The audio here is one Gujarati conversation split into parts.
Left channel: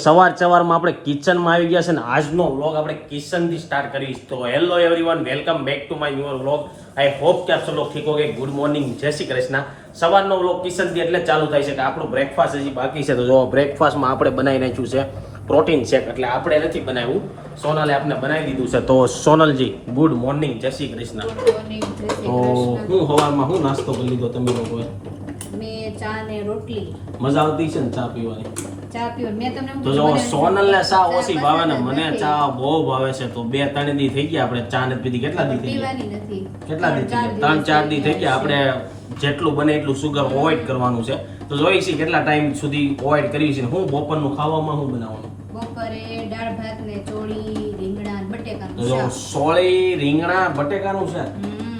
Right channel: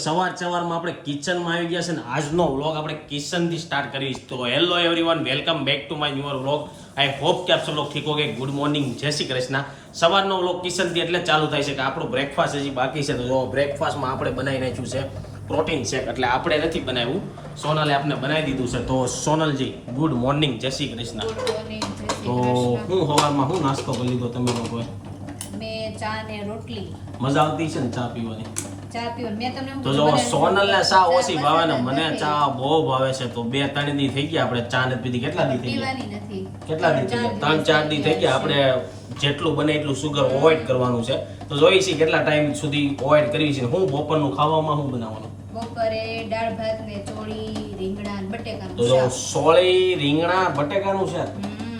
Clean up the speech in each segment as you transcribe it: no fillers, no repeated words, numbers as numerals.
સવારમાં આપણે કિચનમાં આવી ગયા છે ને આજનો વ્લોગ આપણે કિચનથી સ્ટાર્ટ કરીશ. તો hello everyone, welcome back to my new vlog. I hope કે આપ સબ લોગ ઠીક હોગે. ગુડ મોર્નિંગ, જય શ્રી કૃષ્ણ. સવારનો વ્લોગ કિચનથી એટલે ચાલુ થાય છે કે આપણું બ્રેકફાસ્ટ હજી બાકી છે. તો જો બ્રેકફાસ્ટમાં આપણે બનાવી નાખ્યું છે પ્રોટીન શેક. એટલે આપણે નથી બનાવ્યું, સોનલે આપણે બનાવી દીધું છે. તો સોનલજી ગુડ મોર્નિંગ, જય શ્રી કૃષ્ણ. તો હું સવારમાં હું નાસ્તો કરી લીધો તમે લોકોએ? મેં ચા ને રોટલી. મજા આવતી છે ને ચા પીવાની? ચા પીવો મેં તમને તો જો સોનલને ચા ઓછી ભાવે ને મને ચા બહુ ભાવે છે. તો 2-3 દી થઈ ગયા આપણે ચા નથી પીધી. કેટલા દી થઈ ગયા? પીવાની નથી. કેટલા દી થઈ ગયા? 3-4 દી થઈ ગયા. આપણે જેટલું બને એટલું સુગર અવોઇડ કરવાનું છે. તો જોઈએ છીએ કેટલા ટાઈમ સુધી અવોઇડ કરવી છે. હું બપોરનું ખાવામાં શું બનાવવાનું? બપોરે દાળ ભાત ને ચોળી રીંગણા ને બટેકાનું તો જો શાક. સોળી રીંગણા બટેકાનું છે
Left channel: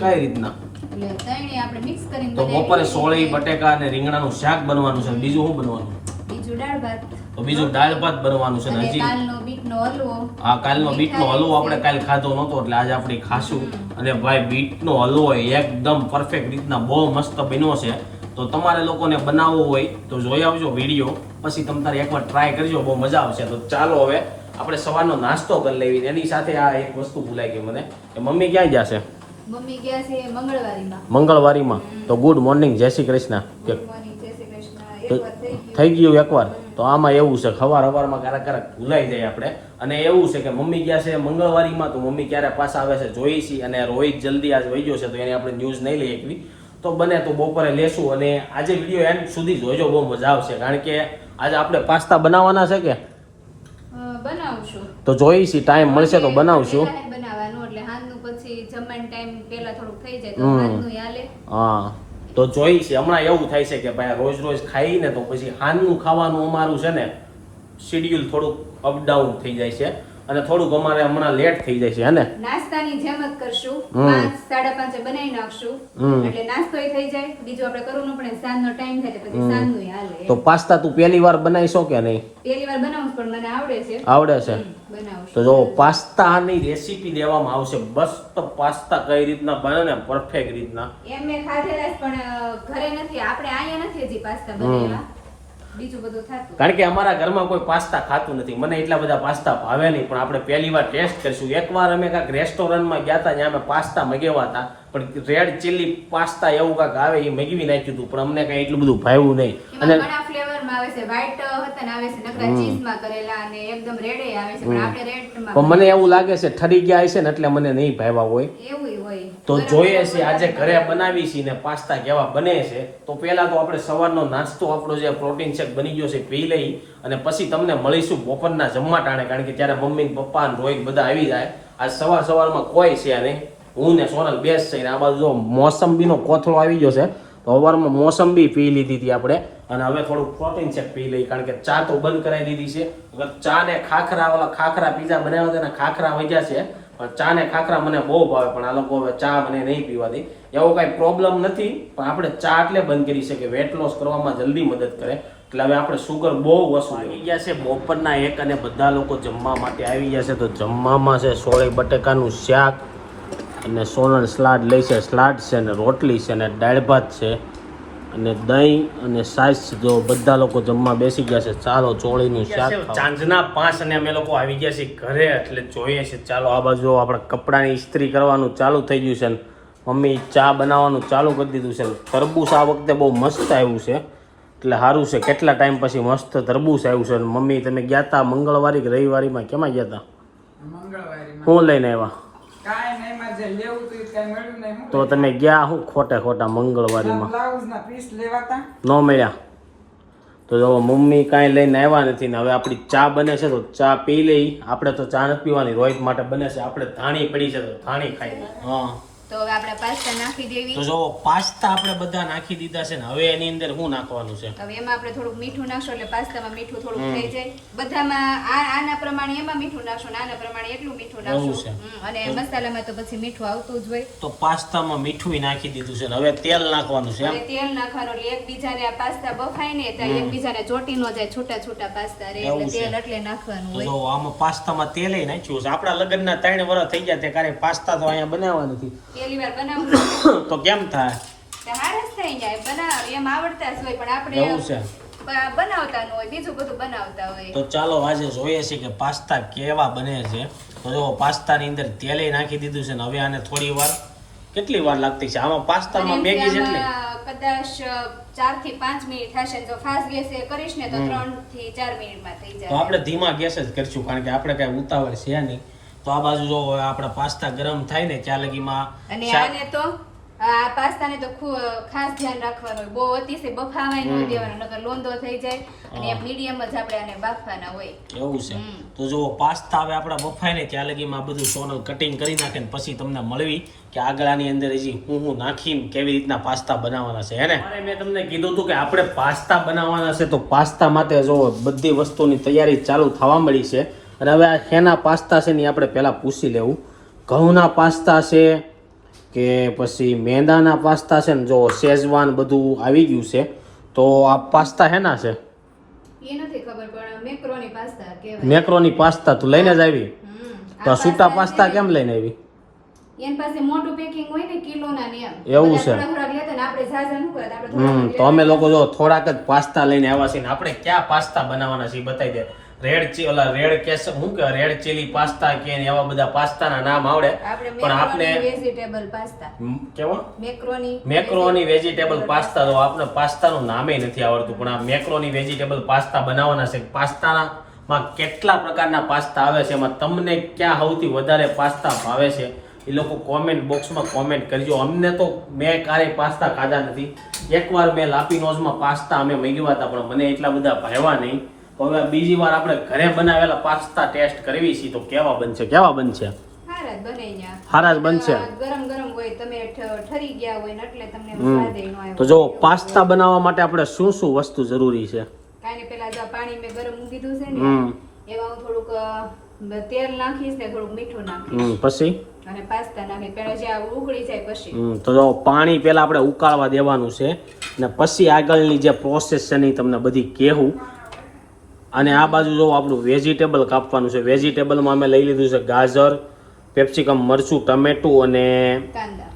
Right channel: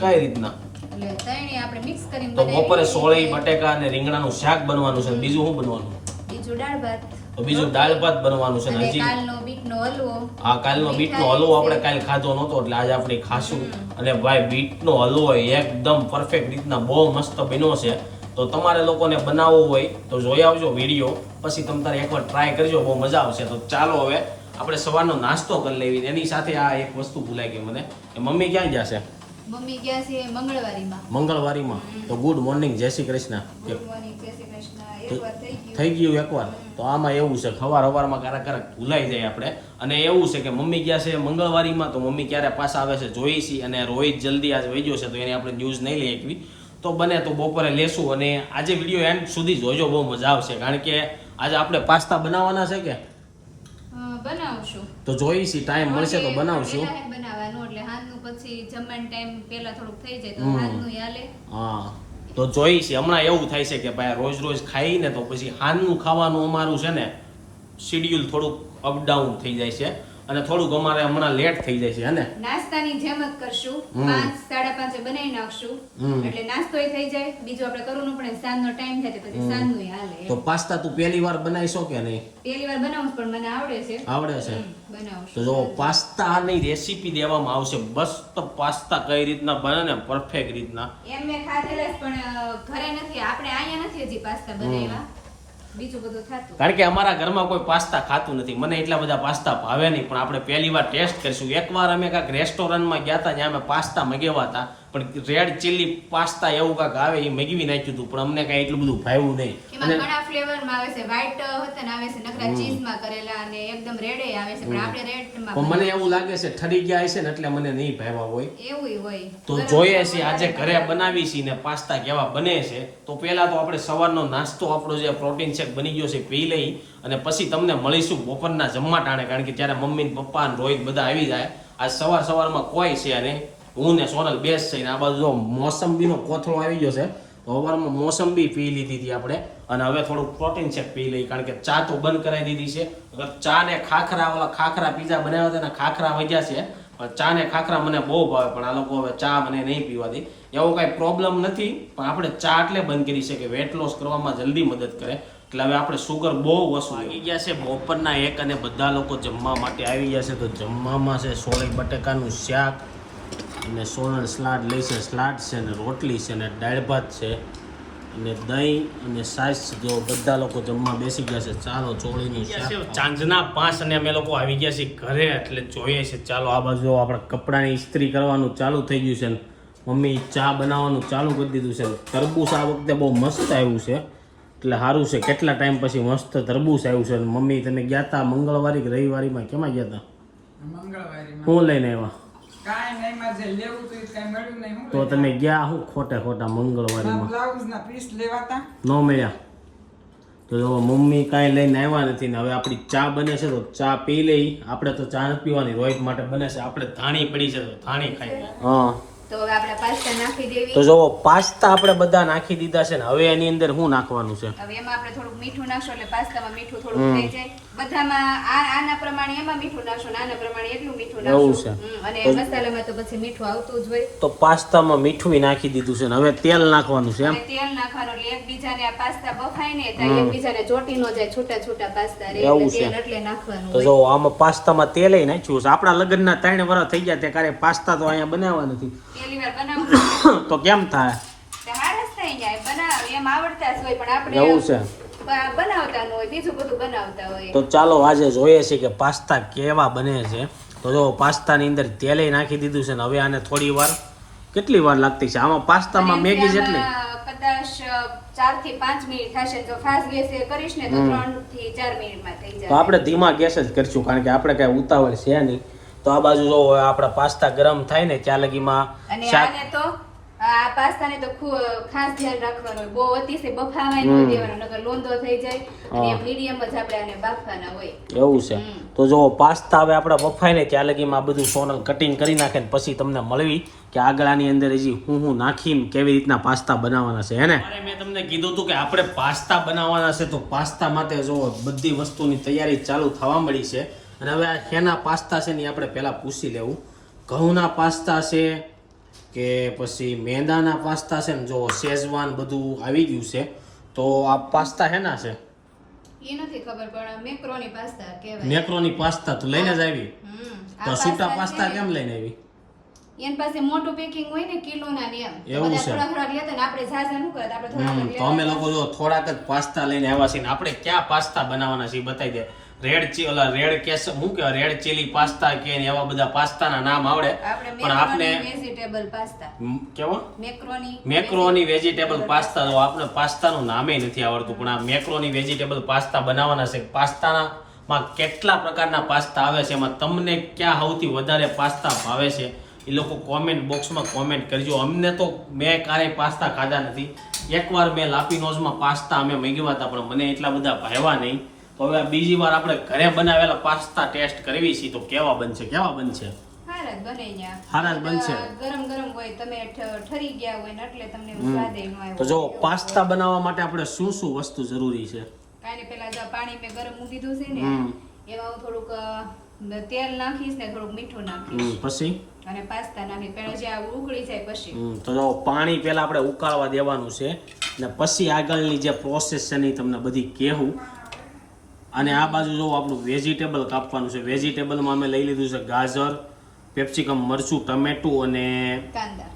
કઈ રીતના? એટલે ત્રણેય આપણે મિક્સ કરીને તો બનાવીએ. બપોરે સોળી બટેકા અને રીંગણાનું શાક બનવાનું છે. બીજું શું બનવાનું? બીજું દાળ ભાત. તો બીજું દાળ ભાત બનવાનું છે. ને અને હજી કાલનો બીટનો હલવો. આ કાલનો બીટનો હલવો આપણે કાલ ખાધો નહોતો એટલે આજે આપણે ખાશું. અને ભાઈ બીટનો હલવો એકદમ પરફેક્ટ રીતના બહુ મસ્ત બન્યો છે. તો તમારે લોકોને બનાવવો હોય તો જોઈ આવજો વિડીયો, પછી તમારે એકવાર ટ્રાય કરજો, બહુ મજા આવશે. તો ચાલો હવે આપણે સવારનો નાસ્તો કરી લેવી. એની સાથે આ એક વસ્તુ ભૂલાઈ ગઈ મને, કે મમ્મી ક્યાં ગયા છે? મમ્મી ગયા છે મંગળવારીમાં. મંગળવારીમાં. તો ગુડ મોર્નિંગ, જય શ્રી કૃષ્ણ. કે ભગવાનની જય શ્રી કૃષ્ણ. એકવાર થઈ થઈ ગયું એકવાર. તો આમાં એવું છે સવારમાં ક્યારેક ભૂલાઈ જાય આપણે. અને એવું છે કે મમ્મી ગયા છે મંગળવારીમાં. તો મમ્મી ક્યારે પાછા આવે છે જોઈ છીએ. અને રોહિત જલ્દી આજ વહી ગયો છે તો એની આપણે ન્યૂઝ નહીં લઈ એકવી. તો બને તો બપોરે લેશું. અને આજે વિડીયો એન્ડ સુધી જોજો, બહુ મજા આવશે. કારણ કે આજે આપણે પાસ્તા બનાવવાના છે કે બનાવશું. તો જોઈ છીએ ટાઈમ મળશે તો બનાવશું. પહેલા બનાવવાનું એટલે હાંજનું પછી જમવાનો ટાઈમ પહેલા થોડુંક થઈ જાય તો હાંજનું હાલે. હા તો જોઈ છે. હમણાં એવું થાય છે કે ભાઈ રોજ રોજ ખાઈને તો પછી હાનનું ખાવાનું અમારું છે ને શેડ્યુલ થોડુંક અપડાઉન થઈ જાય છે. અને થોડુંક અમારે હમણાં લેટ થઈ જાય છે. હે ને? નાસ્તાની જેમ જ કરશું. 5-5:30 બનાવી નાખશું એટલે નાસ્તોય થઈ જાય. બીજું આપણે કરવું ન પડે. સાંજનો ટાઈમ થાય તો પછી સાંજનું હાલે. તો પાસ્તા તું પહેલી વાર બનાવીશો કે નહીં? પહેલી વાર બનાવું છું પણ મને આવડે છે. આવડે છે? બનાવશું. તો જો પાસ્તાની રેસીપી દેવામાં આવશે. બસ તો પાસ્તા કઈ રીતના બને ને પરફેક્ટ રીતના. એમ મેં ખાધેલા છે પણ ઘરે નથી. આપણે અહીંયા નથી હજી પાસ્તા બનાવ્યા. બીજું બધું થાતું. કારણ કે અમારા ઘરમાં કોઈ પાસ્તા ખાતું નથી. મને એટલા બધા પાસ્તા ભાવે નહીં. પણ આપણે પહેલી વાર ટેસ્ટ કરીશું. એકવાર અમે કાંઈક રેસ્ટોરન્ટમાં ગયા હતા, ત્યાં અમે પાસ્તા મગાવ્યા હતા. પણ રેડ ચીલી પાસ્તા એવું કાંઈક આવે એ મગાવી નાખ્યું હતું. પણ અમને કાંઈ એટલું બધું ભાવ્યું નહીં. એમાં ઘણા ફ્લેવરમાં આવે છે. વ્હાઈટ હતા ને આવે છે, નકરા ચીઝમાં કરેલા અને એકદમ રેડે આવે છે. પણ આપણે રેડમાં પણ મને એવું લાગે છે ઠરી ગયા હશે ને એટલે મને નહીં ભાવ્યા હોય. એવું હોય. તો જોઈએ છીએ આજે ઘરે બનાવી છીએ ને પાસ્તા કેવા બને છે. તો પહેલા તો આપણે સવારનો નાસ્તો આપણો જે પ્રોટીન શેક બની ગયો છે પી લઈ અને પછી તમને મળીશું બપોરના જમવા ટાણે. કારણ કે ત્યારે મમ્મી ને પપ્પા ને રોહિત બધા આવી જાય. આજ સવારમાં કોઈ છે નહીં. હું ને સોનલ બેસ છે. આ બાજુ જો મોસંબીનો કોથળો આવી ગયો છે. તો સવારમાં મોસંબી પી લીધી હતી આપણે. અને હવે થોડુંક પ્રોટીન શેક પી લઈ. કારણ કે ચા તો બંધ કરાવી દીધી છે. ચા ને ખાખરા, ઓલા ખાખરા પીઝા બનાવ્યા હતા ને ખાખરા વધ્યા છે. પણ ચા ને ખાખરા મને બહુ ભાવે. પણ આ લોકો હવે ચા મને નહીં પીવા દે. એવો કાંઈ પ્રોબ્લેમ નથી. પણ આપણે ચા એટલે બંધ કરી છે કે વેટ લોસ કરવામાં જલ્દી મદદ કરે. એટલે હવે આપણે સુગર બહુ ઓછું આવી ગયા છે. બપોરના 1 અને બધા લોકો જમવા માટે આવી ગયા છે. તો જમવામાં છે સોળી બટેકાનું શાક અને સોલણ સલાડ લઈ છે. સલાડ છે ને રોટલી છે ને દાળ ભાત છે અને દહીં અને સાસ. જો બધા લોકો જમવા બેસી ગયા છે. ચાલો ચોળીનું શાક. સાંજના 5 અને અમે લોકો આવી ગયા છીએ ઘરે. એટલે જોઈએ છે ચાલો આ બાજુ આપણે કપડાની ઇસ્ત્રી કરવાનું ચાલુ થઈ ગયું છે. ને મમ્મી ચા બનાવવાનું ચાલુ કરી દીધું છે. તરબૂચ આ વખતે બહુ મસ્ત આવ્યું છે એટલે સારું છે. કેટલા ટાઈમ પછી મસ્ત તરબૂચ આવ્યું છે. મમ્મી તમે ગયા હતા મંગળવારી કે રવિવારીમાં? કેમાં ગયા હતા? મંગળવારીમાં. હું લઈને આવ્યા? તો તમે ગયા હું ખોટા મંગળવારીમાં ન મળ્યા? તો જો મમ્મી કાંઈ લઈને આવ્યા નથી ને હવે આપણી ચા બને છે. તો ચા પી લઈ. આપણે તો ચા નથી પીવાની, રોહિત માટે બને છે. આપણે ધાણી પડી છે તો ધાણી ખાઈ. હા તો હવે આપણે પાસ્તા નાખી દેવી. તો જો પાસ્તા આપણે બધા નાખી દીધા છે ને હવે એની અંદર શું નાખવાનું છે? હવે એમાં આપણે થોડુંક મીઠું નાખશું એટલે પાસ્તામાં મીઠું થોડુંક થઈ જાય. બધામાં આના પ્રમાણે એમાં મીઠું નાખશું, આના પ્રમાણે એટલું મીઠું નાખશું. અને મસાલામાં તો પછી મીઠું આવતું જ હોય. તો પાસ્તામાં મીઠું નાખી દીધું છે ને હવે તેલ નાખવાનું છે. તેલ નાખવાનું એટલે એકબીજાને આ પાસ્તા બફાય ને તો એકબીજાને ચોટી ન જાય. છૂટા પાસ્તા રે તેલ એટલે નાખવાનું. તો જો આમાં પાસ્તામાં તેલ નાખ્યું છે. આપણા લગ્નના 3 વર્ષ થઈ ગયા તે કારે પાસ્તા તો અહીંયા બનાવવા નથી. પહેલી વાર બનાવું તો કેમ થાય? હારસ થઈ જાય. બનાવ એમ આવડતા જ હોય પણ આપણે એવું છે. બનાવતા ન હોય, બીજું બધું બનાવતા હોય. તો ચાલો આજે જોઈએ છે કે પાસ્તા કેવા બને છે. તો જો પાસ્તાની અંદર તેલે નાખી દીધું છે ને હવે આને થોડી વાર, કેટલી વાર લાગતી છે આમાં પાસ્તામાં અને મેગી જેટલી? આમાં કદાચ 4 થી 5 મિનિટ થશે. જો ફાસ્ટ ગેસે કરીશ ને તો 3 થી 4 મિનિટમાં થઈ તો જાય. આપણે ધીમા ગેસ જ કરશું કારણ કે આપણે કઈ ઉતાવળ છે નહીં. તો આ બાજુ જો આપણા પાસ્તા ગરમ થાય ને ત્યાં લગીમાં અને આને તો આ પાસ્તાને તો ખાસ ધ્યાન રાખવાનું હોય. બહુ અતિશય બફાવાય ન દેવાનો, નકર લોંદો થઈ જાય. અને મીડિયમ જ આપણે આને બાફવાના હોય. એવું છે. તો જો પાસ્તા હવે આપણા બફાય ને ત્યાં લગીમાં આ બધું સોનલ કટિંગ કરી નાખે ને પછી તમને મળવી કે આગળની અંદર હજી હું નાખીને કેવી રીતના પાસ્તા બનાવવાના છે. હે ને મેં તમને કીધું હતું કે આપણે પાસ્તા બનાવવાના છે. તો પાસ્તા માટે જો બધી વસ્તુની તૈયારી ચાલુ થવા મળી છે. અને હવે આ શેના પાસ્તા છે ને આપણે પહેલા પૂછી લેવું. ઘઉંના પાસ્તા છે કે પછી મેંદાના પાસ્તા છે ને? જો શેઝવાન બધું આવી ગયું છે. તો આ પાસ્તા હેના છે? એ નથી ખબર, પણ મેક્રોની પાસ્તા કહેવાય. મેક્રોની પાસ્તા તું લઈને જ આવી? આ તો સૂટા પાસ્તા પાસ્તા છે કેમ લઈને આવી? એની પાસે મોટું પેકિંગ હોય ને કિલોના ને એમ. એવું બધા છે. થોડા લેતા ને આપણે ઝાઝા ન કરતા, આપણે થોડા તો અમે લોકો જો થોડાક જ પાસ્તા લઈને આવ્યા છીએ ને આપણે ક્યાં પાસ્તા બનાવવાના છે એ બતાવી દે. રેડ કેસ શું કે રેડ ચીલી પાસ્તા કે એવા બધા પાસ્તાના નામ આવડે, પણ આપણે વેજીટેબલ પાસ્તા, કેવો મેક્રોની મેક્રોની વેજીટેબલ પાસ્તા, તો આપણે પાસ્તાનું નામે નથી આવડતું, પણ આ મેક્રોની વેજીટેબલ પાસ્તા બનાવવાના છે. પાસ્તામાં કેટલા પ્રકારના પાસ્તા આવે છે, એમાં તમને ક્યાં સૌથી વધારે પાસ્તા ભાવે છે એ લોકો કોમેન્ટ બોક્સમાં કોમેન્ટ કરજો. અમને તો મેં ક્યારેય પાસ્તા ખાધા નથી. એકવાર મેં લાપીનોઝમાં પાસ્તા અમે મંગાવ્યા હતા પણ મને એટલા બધા ભાવ્યા નહીં. તો હવે બીજી વાર આપણે ઘરે બનાવેલા પાસ્તા ટેસ્ટ કરવી છે. તો કેવા બનશે? હારા જ બને ન્યા. હારા જ બનશે. ગરમ ગરમ હોય, તમે ઠરી ગયા હોય ને એટલે તમને સ્વાદ ય ન આવ્યો. તો જો પાસ્તા બનાવવા માટે આપણે શું શું વસ્તુ જરૂરી છે? કાંઈ પહેલા જો પાણી મેં ગરમ મૂકી દીધું છે ને, એમાં હું થોડુંક તેલ નાખીશ ને થોડુંક મીઠું નાખીશ, પછી અને પાસ્તા નાખીશ. પહેલા જે આ ઉકળી જાય પછી તો જો પાણી પહેલા આપણે ઉકાળવા દેવાનું છે ને પછી આગળની જે પ્રોસેસ છે ને ઈ તમને બધી કહેવું. અને આ બાજુ જો આપણું વેજીટેબલ કાપવાનું છે. વેજીટેબલમાં અમે લઈ લીધું છે ગાજર, કેપ્સિકમ, મરચું, ટમેટું અને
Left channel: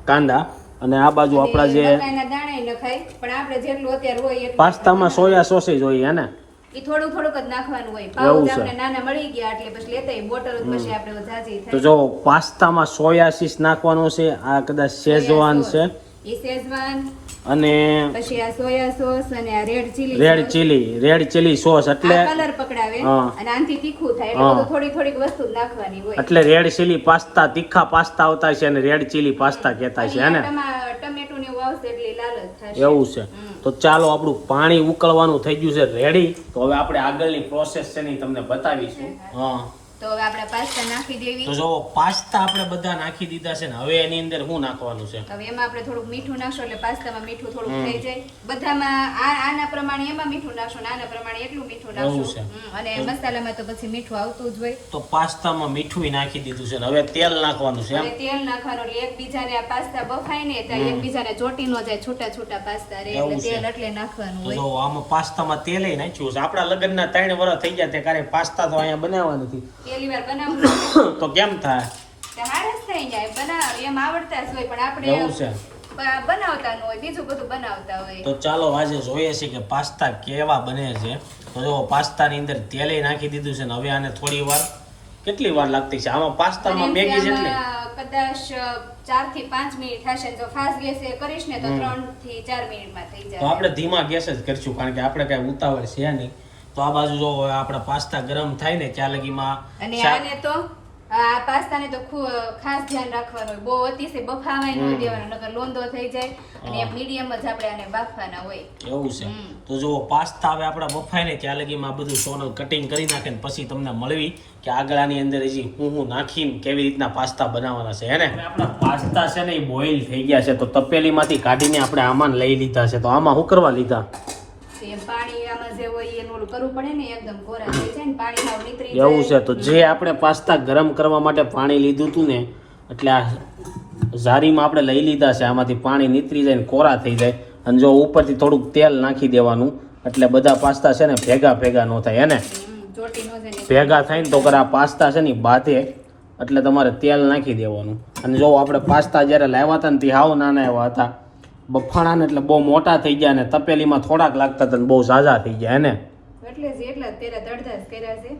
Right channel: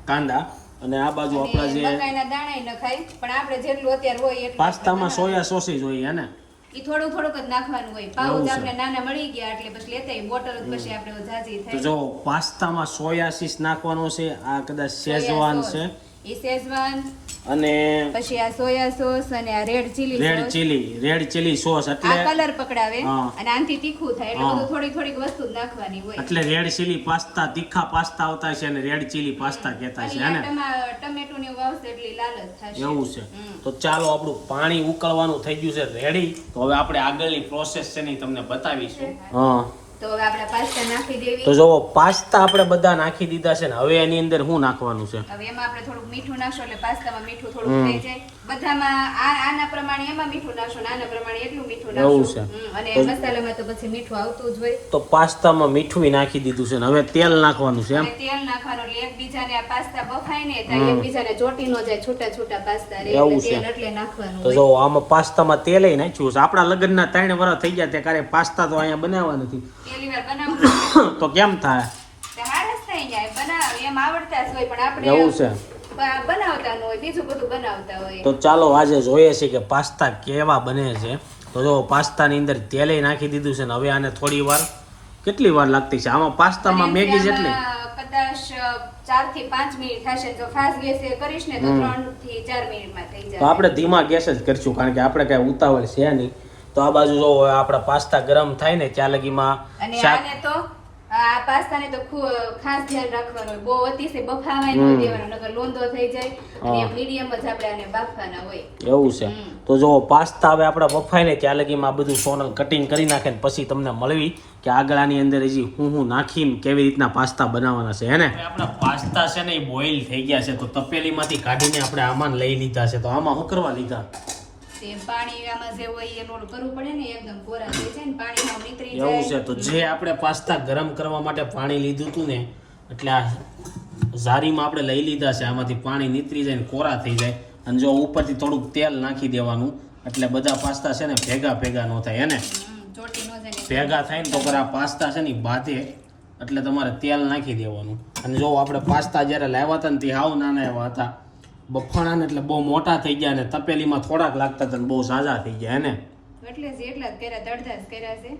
કાંદા. અને આ બાજુ આપણા જે મકાઈના દાણા ય નખાય, પણ આપણે જેટલું અત્યારે હોય એટલું પાસ્તામાં સોયા સોસ જોઈએ ને ઈ થોડુંક જ નાખવાનું હોય. પાઉચ આપણે નાના મળી ગયા એટલે પછી લેતા બોટલ પછી આપણે ઝાઝી તો થાય. જો પાસ્તામાં સોયા સોસ નાખવાનો છે. આ કદાચ શેઝવાન છે ઈ શેઝવાન, અને પછી આ સોયા સોસ અને આ રેડ ચીલી સોસ એટલે કલર પકડાવે હા. અને આનાથી તીખું થાય એટલે બધું થોડીક વસ્તુ જ નાખવાની હોય. એટલે રેડ ચીલી પાસ્તા, તીખા પાસ્તા આવતા છે અને રેડ ચીલી પાસ્તા કહેતા છે. હે ને ટમેટું ને એવું આવશે એટલે લાલ જ થશે. એવું છે. તો ચાલો આપણું પાણી ઉકળવાનું થઈ ગયું છે રેડી. તો હવે આપણે આગળની પ્રોસેસ છે ને ઈ તમને બતાવીશું. તો હવે આપણે પાસ્તા નાખી દેવી. તો જો પાસ્તા આપણે બધા નાખી દીધા છે ને હવે એની અંદર શું નાખવાનું છે? હવે એમાં આપણે થોડુંક મીઠું નાખશું એટલે પાસ્તામાં મીઠું થોડુંક થઈ જાય. બધામાં આના પ્રમાણે એમાં મીઠું નાખશું, આના પ્રમાણે એટલું મીઠું નાખશું. અને મસાલામાં તો પછી મીઠું આવતું જ હોય. તો પાસ્તામાં મીઠું નાખી દીધું છે ને હવે તેલ નાખવાનું છે. અને તેલ નાખવાનું એટલે એકબીજાને આ પાસ્તા બફાય ને ત્યાં એકબીજાને ચોટી નો જાય, છૂટા પાસ્તા રહે એટલે તેલ એટલે નાખવાનું તો હોય. જો આમાં પાસ્તામાં તેલ નાખ્યું છે. આપણા લગ્નના 3 વર્ષ થઈ ગયા તે ક્યારે પાસ્તા તો અહીંયા બનાવવા નથી. પહેલી વાર બનાવું તો કેમ થાય? હારસ થઈ જાય. બનાવ એમ આવડતા જ હોય, પણ આપણે એવું છે. બનાવતા ન હોય, બીજું બધું બનાવતા હોય. તો ચાલો આજે જોઈએ છે કે પાસ્તા કેવા બને છે. તો જો પાસ્તાની અંદર તેલે નાખી દીધું છે ને હવે આને થોડી વાર, કેટલી વાર લાગતી છે આમાં પાસ્તામાં મેગી જેટલી? કદાચ 4 થી 5 મિનિટ થશે. જો ફાસ્ટ ગેસે કરીશ ને તો 3 થી 4 મિનિટમાં થઈ તો જાય. આપણે ધીમા ગેસ જ કરશું કારણ કે આપણે કઈ ઉતાવળ છે નહીં. તો આ બાજુ જો આપણા પાસ્તા ગરમ થાય ને ત્યાં લગીમાં અને આને તો આ પાસ્તાને તો ખાસ ધ્યાન રાખવાનું હોય. બહુ અતિશય બફાવાય ન દેવાનો, નકર લોંદો થઈ જાય. અને મીડિયમ જ આપણે આને બાફવાના હોય. એવું છે. તો જો પાસ્તા હવે આપણા બફાય ને ત્યાં લગીમાં આ બધું સોનલ કટિંગ કરી નાખે ને પછી તમને મળવી કે આગળની અંદર હજી હું નાખીને કેવી રીતના પાસ્તા બનાવવાના છે. હે ને આપણા પાસ્તા છે ને એ બોઇલ થઈ ગયા છે. તો તપેલીમાંથી કાઢીને આપણે આમાં લઈ લીધા છે. તો આમાં શું કરવા લીધા? પાણી આમાં જે હોય એનું ઓલું કરવું પડે ને, એકદમ કોરા થઈ જાય ને પાણી હાવ નીતરી જાય. એવું છે. તો જે આપણે પાસ્તા ગરમ કરવા માટે પાણી લીધું હતું ને એટલે આ ઝારીમાં આપણે લઈ લીધા છે. આમાંથી પાણી નીતરી જાય ને કોરા થઈ જાય. અને જો ઉપરથી થોડુંક તેલ નાખી દેવાનું એટલે બધા પાસ્તા છે ને ભેગા ન થાય. હે ને ચોટી નો જાય. ભેગા થાય ને તો આ પાસ્તા છે ને બાંધે એટલે તમારે તેલ નાખી દેવાનું. અને જો આપણે પાસ્તા જ્યારે લાવ્યા હતા ને તે હાવ નાના એવા હતા. બફાણા ને એટલે બહુ મોટા થઈ ગયા ને તપેલીમાં થોડાક લાગતા હતા ને બહુ ઝાઝા થઈ ગયા હે ને એટલે જ એટલા જ કર્યા, અડધા જ કર્યા છે.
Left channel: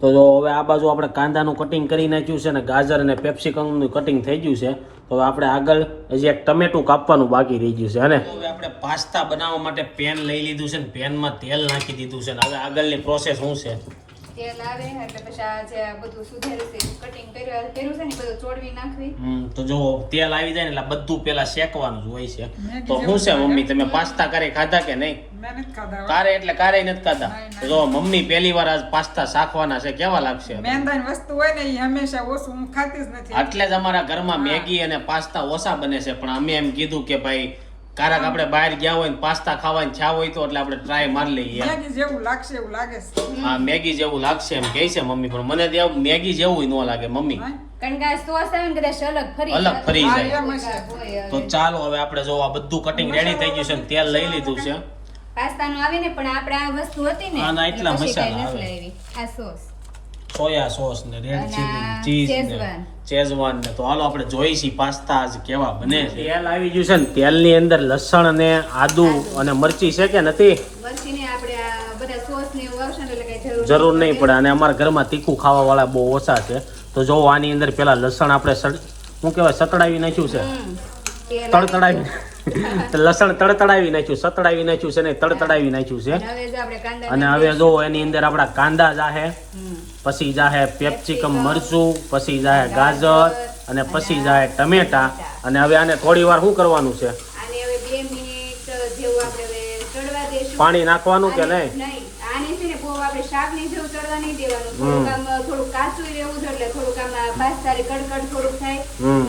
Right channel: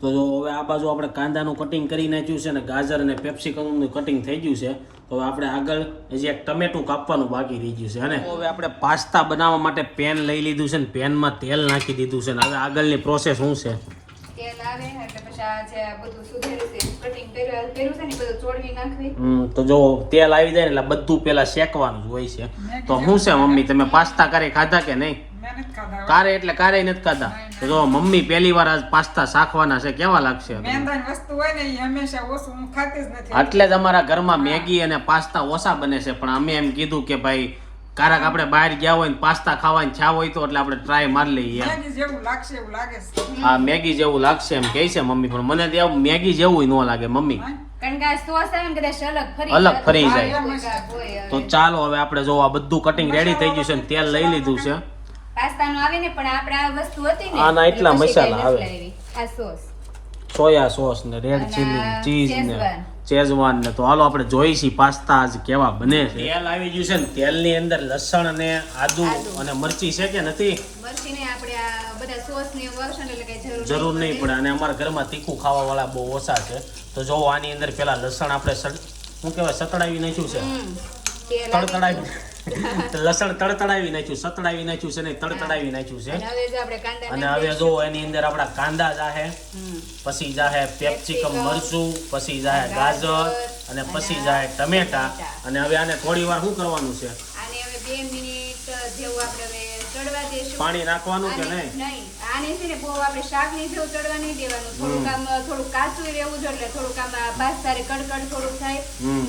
તો જો હવે આ બાજુ આપણે કાંદાનું કટિંગ કરી નાખ્યું છે ને ગાજર અને પેપ્સિકમનું કટિંગ થઈ ગયું છે. તો હવે આપણે આગળ હજી એક ટમેટું કાપવાનું બાકી રહી ગયું છે અને હવે આપણે પાસ્તા બનાવવા માટે પેન લઈ લીધું છે ને પેનમાં તેલ નાખી દીધું છે ને હવે આગળની પ્રોસેસ શું છે? તેલ આવે ને એટલે પછી આ જે બધું સુધારી છે કટિંગ કર્યું છે ને એ બધું ચોળવી નાખવી. તો જો તેલ આવી જાય ને એટલે બધું પેલા શેકવાનું જ હોય છે. તો શું છે મમ્મી, તમે પાસ્તા ક્યારે ખાધા કે નહીં? કારે એટલે કારે નથી ખાધા. તો જો મમ્મી પહેલી વાર આજ પાસ્તા શાખવાના છે, કેવા લાગશે? મેંદાની વસ્તુ હોય ને એ હંમેશા ઓછું હું ખાતી જ નથી. એટલે જ અમારા ઘરમાં મેગી અને પાસ્તા ઓછા બને છે, પણ અમે એમ કીધું કે ભાઈ કારક આપણે બહાર ગયા હોય ને પાસ્તા ખાવાની ઈચ્છા હોય તો એટલે આપણે ટ્રાય મારી લઈએ. મેગી જેવું લાગશે એવું લાગે છે. હા મેગી જેવું લાગશે એમ કહે છે મમ્મી, પણ મને તો એવું મેગી જેવું ન લાગે મમ્મી, કારણ કે આ સોસ આવે ને કદાચ અલગ ફરી જાય. હોય. તો ચાલો હવે આપણે જો આ બધું કટિંગ રેડી થઈ ગયું છે ને તેલ લઈ લીધું છે. પાસ્તાનું આવે ને પણ આપણે આ વસ્તુ હતી ને આના એટલા એટલે પછી મસાલા કાંઈ આવે. નથી લાવી. આ સોસ સોયા સોસ ને રેડ અને ચીલી આ ચીઝ ને શેઝવાન. શેઝવાન ને. તો હાલો આપણે જોઈશી પાસ્તા આજ કેવા બને છે. તેલ આવી ગયું છે ને તેલની અંદર લસણ ને આદુ અને મરચી છે કે નથી? મરચીને આપણે આ બધા સોસ ને એવું આવશે ને એટલે કઈ જરૂર નહીં પડે. અને અમારા ઘરમાં તીખું ખાવા વાળા બહુ ઓછા છે. તો જો આની અંદર પેલા લસણ આપણે શું કહેવાય સતડાવી નાખ્યું છે, તેલ તડતડાવી લસણ તડતડાવી નાખ્યું, સતડાવી નાખ્યું છે ને તડતડાવી નાખ્યું છે. અને હવે જે આપણે કાંદા અને હવે જો એની અંદર આપણા કાંદા જાહે, પછી જાહે પેપ્સિકમ મરચું, પછી જાહે ગાજર અને પછી જાહે ટમેટા. અને હવે આને થોડી વાર શું કરવાનું છે? આને હવે 2 મિનિટ જેવું આપણે હવે ચડવા દેશું. પાણી નાખવાનું કે નહીં? નહીં, આને છે ને બહુ આપણે શાકની જેવું ચડવા નહીં દેવાનું. થોડુંક આમ થોડુંક કાચું રહેવું જોઈએ એટલે થોડુંક આમ પાસ્તારે કડકડ થોડુંક થાય,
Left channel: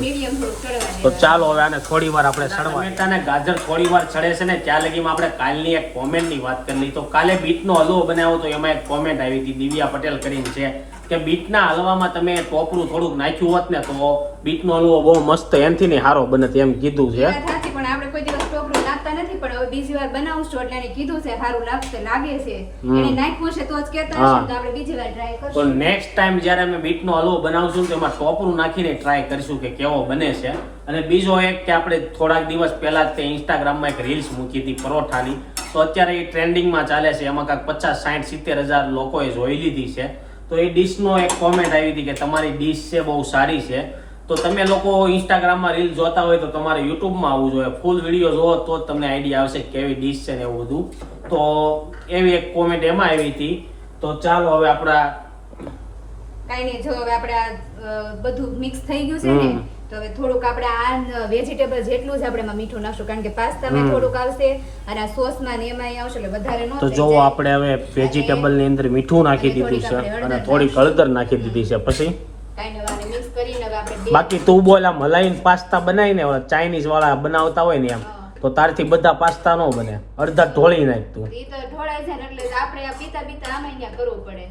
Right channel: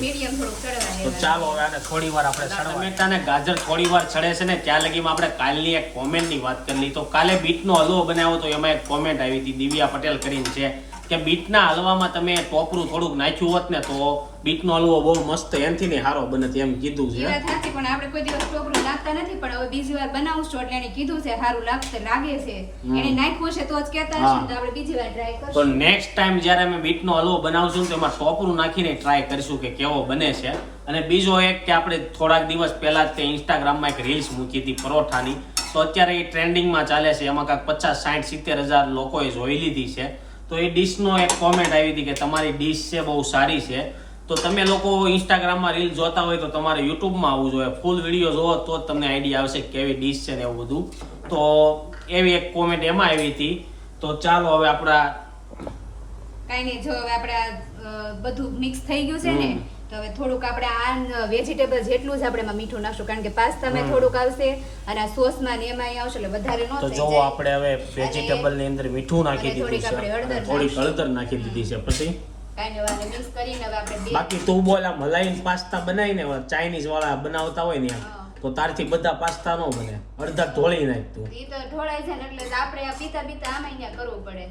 મીડિયમ થોડુંક ચડવા તો દેવાનું. ચાલો હવે આને થોડી વાર આપણે ટમેટા ને ગાજર થોડી વાર ચડે છે ને ત્યાં લગીમાં આપણે કાલની એક કોમેન્ટ ની વાત કરી લઈ. તો કાલે બીટનો હલવો બનાવ્યો તો એમાં એક કોમેન્ટ આવી હતી દિવ્યા પટેલ કરીને છે કે બીટના હલવામાં તમે ટોપરું થોડુંક નાખ્યું હોત ને તો બીટનો હલવો બહુ મસ્ત એનથી ને સારો બને એમ કીધું છે. એ વાત સાચી, પણ આપણે કોઈ દિવસ ટોપરું નાખતા નથી, પણ હવે બીજી વાર બનાવશું એટલે એને કીધું છે સારું લાગે છે, એને નાખ્યું છે તો જ કહેતા હશે ને તો આપણે બીજી વાર ટ્રાય તો કરશું. નેક્સ્ટ ટાઈમ જ્યારે અમે બીટનો હલવો બનાવશું ને તો એમાં ટોપરું નાખીને ટ્રાય કરીશું કે કેવો બને છે. અને બીજો એક કે આપણે થોડાક દિવસ પહેલા જ તે ઇન્સ્ટાગ્રામમાં એક રીલ્સ મૂકી હતી પરોઠાની, તો અત્યારે એ ટ્રેન્ડિંગમાં ચાલે છે. એમાં કાંઈક 50, 60, 70 હજાર લોકોએ જોઈ લીધી છે. તો એ ડીશનો એક કોમેન્ટ આવી હતી કે તમારી ડીશ છે બહુ સારી છે. તો તમે લોકો ઇન્સ્ટાગ્રામમાં રીલ જોતા હોય તો તમારે યુટ્યુબમાં આવવું જોઈએ, ફૂલ વિડીયો જોવો તો જ તમને આઈડિયા આવશે કે કેવી ડીશ છે ને એવું બધું. તો એવી એક કોમેન્ટ એમાં આવી હતી. તો ચાલો હવે આપણા કાંઈ નહીં, જો હવે આપણે આ બધું મિક્સ થઈ ગયું છે ને તો હવે થોડુંક આપણે આ વેજીટેબલ જેટલું જ આપણે એમાં મીઠું નાખશું, કારણ કે પાસ્તામાં થોડુંક આવશે અને આ સોસમાં ને એમાં આવશે એટલે વધારે ન તો થઈ જો જાય. આપણે હવે વેજીટેબલ ની અંદર મીઠું નાખી દીધું છે અને થોડી હળદર નાખી દીધી છે. પછી કાંઈ નહીં, આને મિક્સ કરીને હવે આપણે બાકી તું બોલ આમ હલાઈને પાસ્તા બનાવીને ચાઇનીઝ વાળા બનાવતા હોય ને એમ તો તારથી બધા પાસ્તા ન બને, અડધા ઢોળી નાખ તું. ઈ તો ઢોળાય છે ને એટલે આપણે આ પીતા પીતા આમાં અહીંયા કરવું પડે.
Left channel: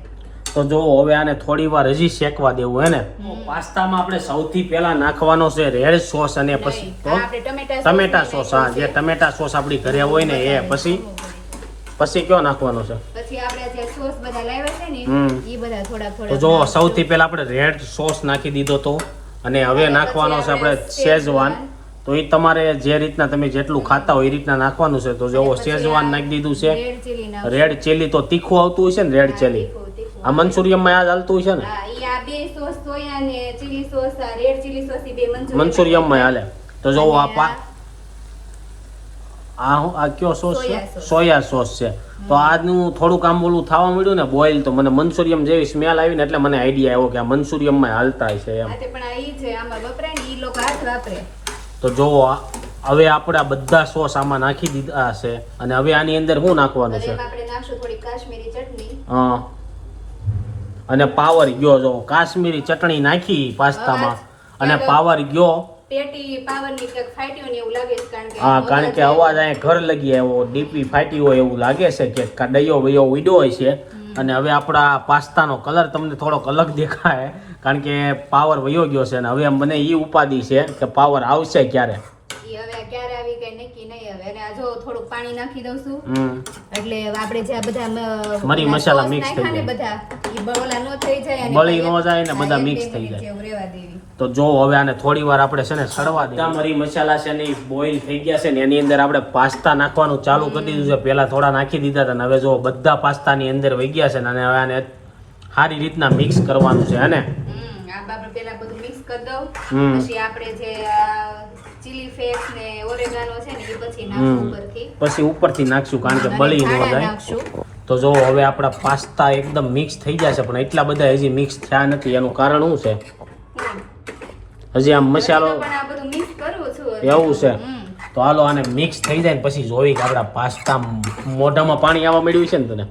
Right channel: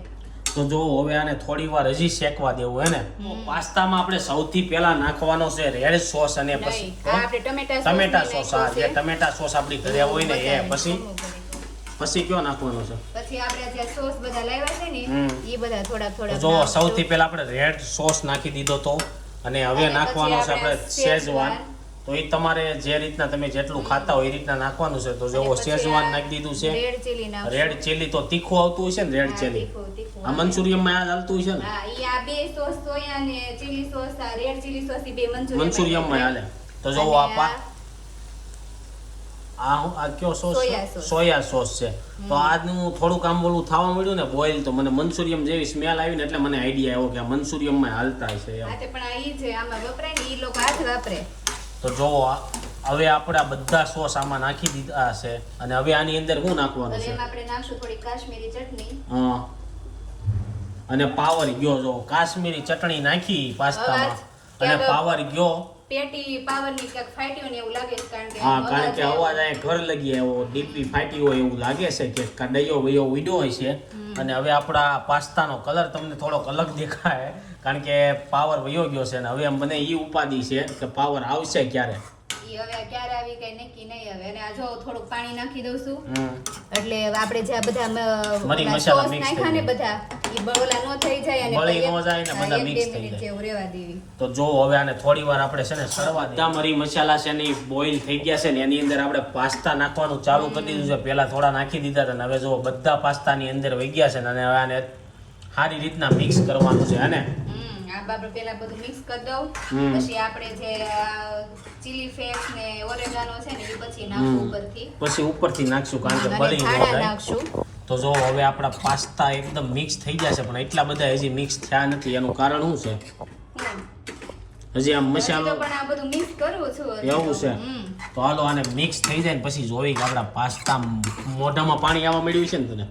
તો જો હવે આને થોડી વાર હજી શેકવા દેવું હે ને. પાસ્તામાં આપણે સૌથી પહેલા નાખવાનો છે રેડ સોસ અને પછી નહીં, આ આપણે ટમેટા સોસ. હા, જે ટમેટા સોસ આપણી ઘરે હોય ને એ પછી કયો નાખવાનો છે? પછી આપણે જે સોસ બધા લાવ્યા છે ને ઈ બધા થોડા તો થોડા જો સૌથી પહેલા આપણે રેડ સોસ નાખી દીધો તો, અને હવે નાખવાનો છે આપણે શેઝવાન. તો એ તમારે જે રીતના તમે જેટલું ખાતા હોય એ રીતના નાખવાનું છે. તો જો શેઝવાન નાખી દીધું છે. રેડ ચીલી ના રેડ ચીલી તો તીખું આવતું હોય છે ને રેડ ચીલી. આ મંચુરિયમમાં યાદ હાલતું હોય છે ને? હા, ઈ આ બે સોસ સોયા ને ચીલી સોસ, આ રેડ ચીલી સોસ ઈ બે મંચુરિયમમાં હાલે. તો જો આ કયો સોસ છે? સોયા સોસ છે. તો આજનું થોડુંક આમ ઓલું થવા મળ્યું ને બોઇલ, તો મને મંચુરિયમ જેવી સ્મેલ આવી ને એટલે મને આઈડિયા આવ્યો કે આ મંચુરિયમમાં હાલતા છે એમ. આ તે પણ આ ઈ છે, આમાં વપરાય ને ઈ લોકો હાથ વાપરે. તો જો હવે આપણે આ બધા સોસ આમાં નાખી દીધા છે અને હવે આની અંદર શું નાખવાનું હવે છે? એમાં આપણે નાખશું થોડી કાશ્મીરી ચટણી. હા, અને પાવર ગયો. જો કાશ્મીરી ચટણી નાખી પાસ્તામાં અને પાવર ગયો. પેટી પાવરની કે ફાટ્યું ને એવું લાગે છે, હા, કારણ કે અવાજ અહીંયા ઘર લગી આવ્યો, ડીપી ફાટી હોય એવું લાગે છે કે કડાઈઓ વયો ઉડ્યો હોય છે. અને હવે આપણા પાસ્તાનો કલર તમને થોડોક અલગ દેખાય કારણ કે પાવર વયો ગયો છે. અને હવે મને એ ઉપાધિ છે કે પાવર આવશે ક્યારે. ઈ હવે ક્યારે આવી કઈ નક્કી નહીં હવે. અને આ જો થોડુંક પાણી નાખી દઉં છું હમ એટલે આપણે જે આ બધા મરી ઓલા મસાલા sauce mix થઈ નાખ્યા ને જાય. બધા ઈ બળોલા ન થઈ જાય અને બળી પછી ન જાય ને બધા એક mix બે થઈ મિનિટ જાય. જેવું રહેવા દેવી. તો જો હવે આને થોડી વાર આપણે છે ને સડવા દઈએ. બધા મરી મસાલા છે ને બોઇલ થઈ ગયા છે ને એની અંદર આપણે પાસ્તા નાખવાનું ચાલુ કરી દીધું છે. પહેલા થોડા નાખી દીધા હતા અને હવે જો બધા પાસ્તાની અંદર વહી ગયા છે ને અને હવે આને સારી રીતના મિક્સ કરવાનું છે અને આ આપણે પેલા બધું મિક્સ કરી દઉં. હમ. પછી આપણે જે ચીલી ફ્લેક્સ ને ઓરેગાનો છે ને એ પછી નાખવું ઉપરથી. પછી ઉપરથી નાખશું કારણ કે અને બળી ન ધાણા જાય. નાખશું. તો જો હવે આપણા પાસ્તા એકદમ મિક્સ થઈ જશે પણ એટલા બધા હજી મિક્સ થયા નથી. એનું કારણ શું છે? હમ. હજી આમ મસાલો પણ આ બધું મિક્સ કરું છું. એવું છે. હમ. તો હાલો આને મિક્સ થઈ જાય ને પછી જોઈ કે આપણા પાસ્તા મોઢામાં પાણી આવવા મળ્યું છે ને તને?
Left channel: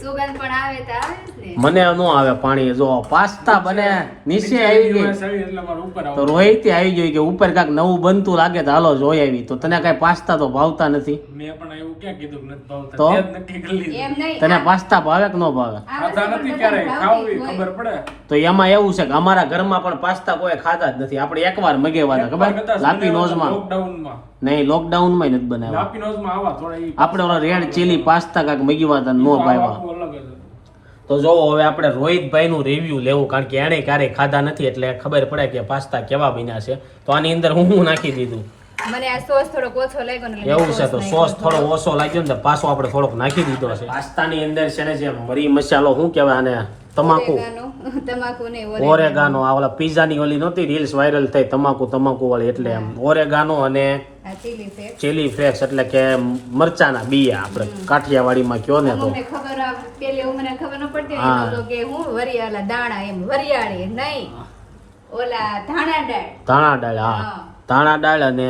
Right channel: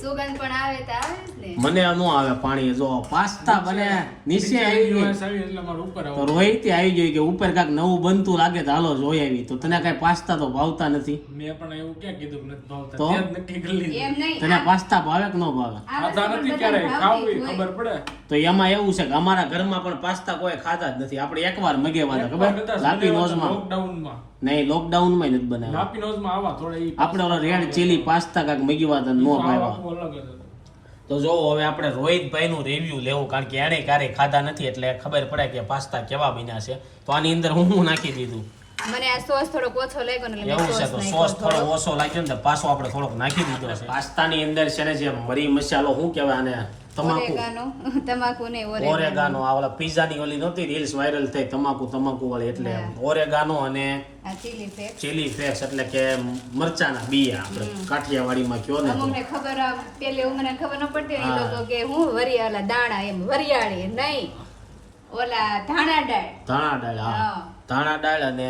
સુગંધ પણ આવે તો આવે જ ને. મને ન આવે પાણી. જો પાસ્તા બને નીચે આવી ગઈ તો રોહિત આવી ગઈ કે ઉપર કાંઈક નવું બનતું લાગે તો હાલો જોઈ આવી. તો તને કઈ પાસ્તા તો ભાવતા નથી મેં પણ એવું ક્યાં કીધું કે નથી ભાવતા? તો? તે જ નક્કી કરી લીધું. એમ નહીં. તને પાસ્તા ભાવે કે ન ભાવે? ખાતા નથી ક્યારેય, ખાવું ઈ ખબર પડે. તો એમાં એવું છે કે અમારા ઘરમાં પણ પાસ્તા કોઈ ખાતા જ નથી. આપણે એકવાર મગાવ્યા હતા ખબર લાપી નોઝમાં. લોકડાઉનમાં નહીં લોકડાઉનમાં નથી બનાવ્યા. લાપી નોઝમાં આવા થોડા ઈ આપણે ઓલા રેડ ચીલી પાસ્તા કાંઈક મગાવ્યા હતા નો ભાવ્યા. આખું અલગ જ. તો જોવો હવે આપણે રોહિતભાઈ નું રિવ્યુ લેવું કારણ કે એને ક્યારેય ખાધા નથી એટલે ખબર પડે કે પાસ્તા કેવા બન્યા છે. તો આની અંદર હું નાખી દીધું. મને આ સોસ થોડોક ઓછો લાગ્યો ને એટલે એવું મેં છે તો નાખ્યો સોસ થોડો ઓછો લાગ્યો ને તો પાછો આપણે થોડોક નાખી દીધો છે. પાસ્તાની અંદર છે ને જે મરી મસાલો શું કહેવાય આને તમાકુ તમાકુ ને ઓરેગાનો આ ઓલા પીઝાની ઓલી નહોતી રીલ્સ વાયરલ થઈ તમાકુ વાળી એટલે એમ ઓરેગાનો અને આ ચીલી છે. ચીલી ફ્લેક્સ એટલે કે મરચાના બીયા આપણે કાઠિયાવાડીમાં કયો ને તો અમને ખબર પેલી મને ખબર ન પડતી હા. એ લોકો કે હું વરિયાળા દાણા એમ વરિયાળી નહીં ઓલા ધાણા દાળ. ધાણા દાળ હા હા. ધાણા દાળ અને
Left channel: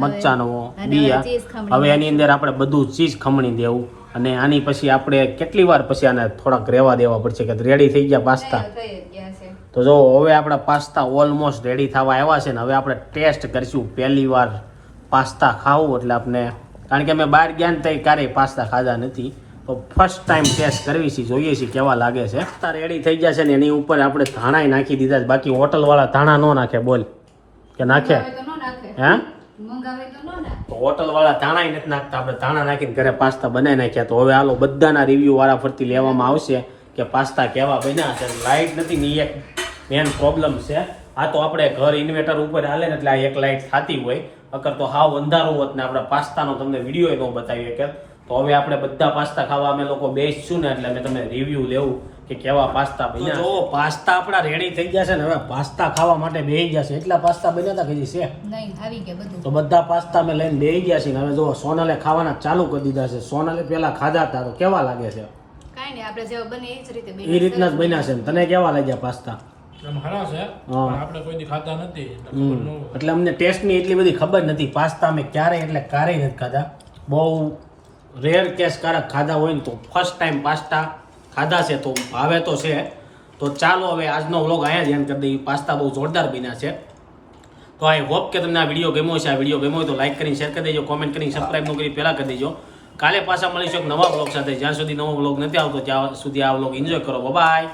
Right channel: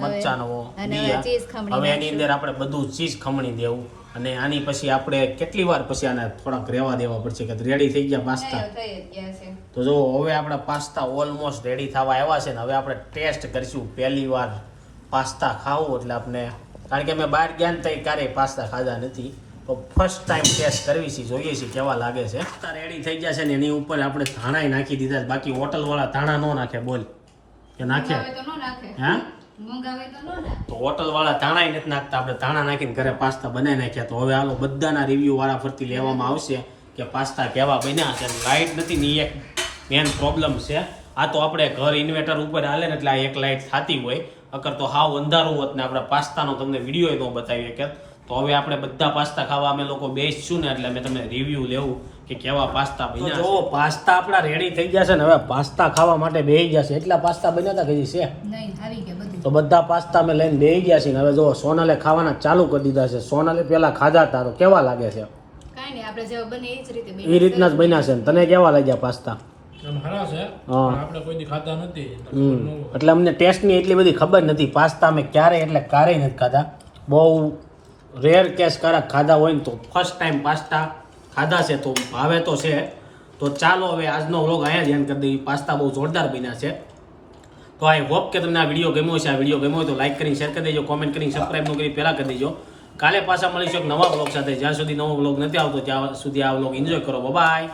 મરચાનો અને બીયા. ચીઝ ખમણી હવે એની અંદર આપણે બધું ચીઝ ખમણી દેવું અને આની પછી આપણે કેટલી વાર પછી આને થોડાક રહેવા દેવા પડશે કે રેડી થઈ ગયા પાસ્તા. થઈ ગયા છે. તો જો હવે આપણા પાસ્તા ઓલમોસ્ટ રેડી થવા આવ્યા છે ને હવે આપણે ટેસ્ટ કરીશું પહેલી વાર પાસ્તા ખાવું એટલે આપણે કારણ કે અમે બહાર ગયા ને તઈ ક્યારેય પાસ્તા ખાધા નથી તો ફર્સ્ટ ટાઈમ ટેસ્ટ કરવી છે જોઈએ છીએ કેવા લાગે છે. પાસ્તા રેડી થઈ ગયા છે ને એની ઉપર આપણે ધાણાય નાખી દીધા છે. બાકી હોટલવાળા ધાણા ન નાખે બોલ કે નાખે મંગાવે તો ન નાખે. હે મંગાવે તો ન નાખે. તો હોટલવાળા ધાણાય નથી નાખતા. આપણે ધાણા નાખીને ઘરે પાસ્તા બનાવી નાખ્યા. તો હવે હાલો બધાના રિવ્યુ વાળા ફરતી લેવામાં આવશે કે પાસ્તા કેવા બન્યા છે. લાઇટ નથી ને એક મેન પ્રોબ્લેમ છે. આ તો આપણે ઘર ઇન્વર્ટર ઉપર હાલે ને એટલે આ એક લાઇટ થતી હોય અગર તો હાવ અંધારું હોત ને આપણે પાસ્તાનો તમને વિડીયો ન બતાવીએ કે તો હવે આપણે બધા પાસ્તા ખાવા અમે લોકો બેસશું ને એટલે અમે તમને રિવ્યુ લેવું કે કેવા પાસ્તા બન્યા. જો પાસ્તા આપણા રેડી થઈ ગયા છે ને હવે પાસ્તા ખાવા માટે બેસી ગયા છે. એટલા પાસ્તા બન્યા હતા કે છે નહીં આવી ગયા બધું. તો બધા પાસ્તા અમે લઈને બેસી ગયા છીએ ને હવે જો સોનલે ખાવાના ચાલુ કરી દીધા છે. સોનલે પેલા ખાધા હતા તો કેવા લાગે છે? કાંઈ નહીં આપણે જેવા બને એ જ રીતે એ રીતના જ બન્યા છે ને તને કેવા લાગ્યા પાસ્તા? આમ હરા છે હા. પણ આપણે કોઈ દી ખાતા નથી એટલે ખબર ન હોય. એટલે અમને ટેસ્ટની એટલી બધી ખબર નથી. પાસ્તા અમે ક્યારેય નથી ખાધા. બહુ રેર કેસ કારક ખાધા હોય ને તો ફર્સ્ટ ટાઈમ પાસ્તા ખાધા છે તો ભાવે તો છે. તો ચાલો હવે આજનો વ્લોગ અહીંયા જ એન્ડ કરી દઈએ. પાસ્તા બહુ જોરદાર બન્યા છે. તો આઈ હોપ કે તમને આ વિડીયો ગમ્યો છે. આ વિડીયો ગમ્યો હોય તો લાઈક કરીને શેર કરી દેજો, કોમેન્ટ કરીને સબસ્ક્રાઈબ ન કરી પહેલાં કરી દેજો. કાલે પાછા મળીશું એક નવા વ્લોગ સાથે. જ્યાં સુધી નવો વ્લોગ નથી આવતો ત્યાં સુધી આ વ્લોગ એન્જોય કરો. બાય.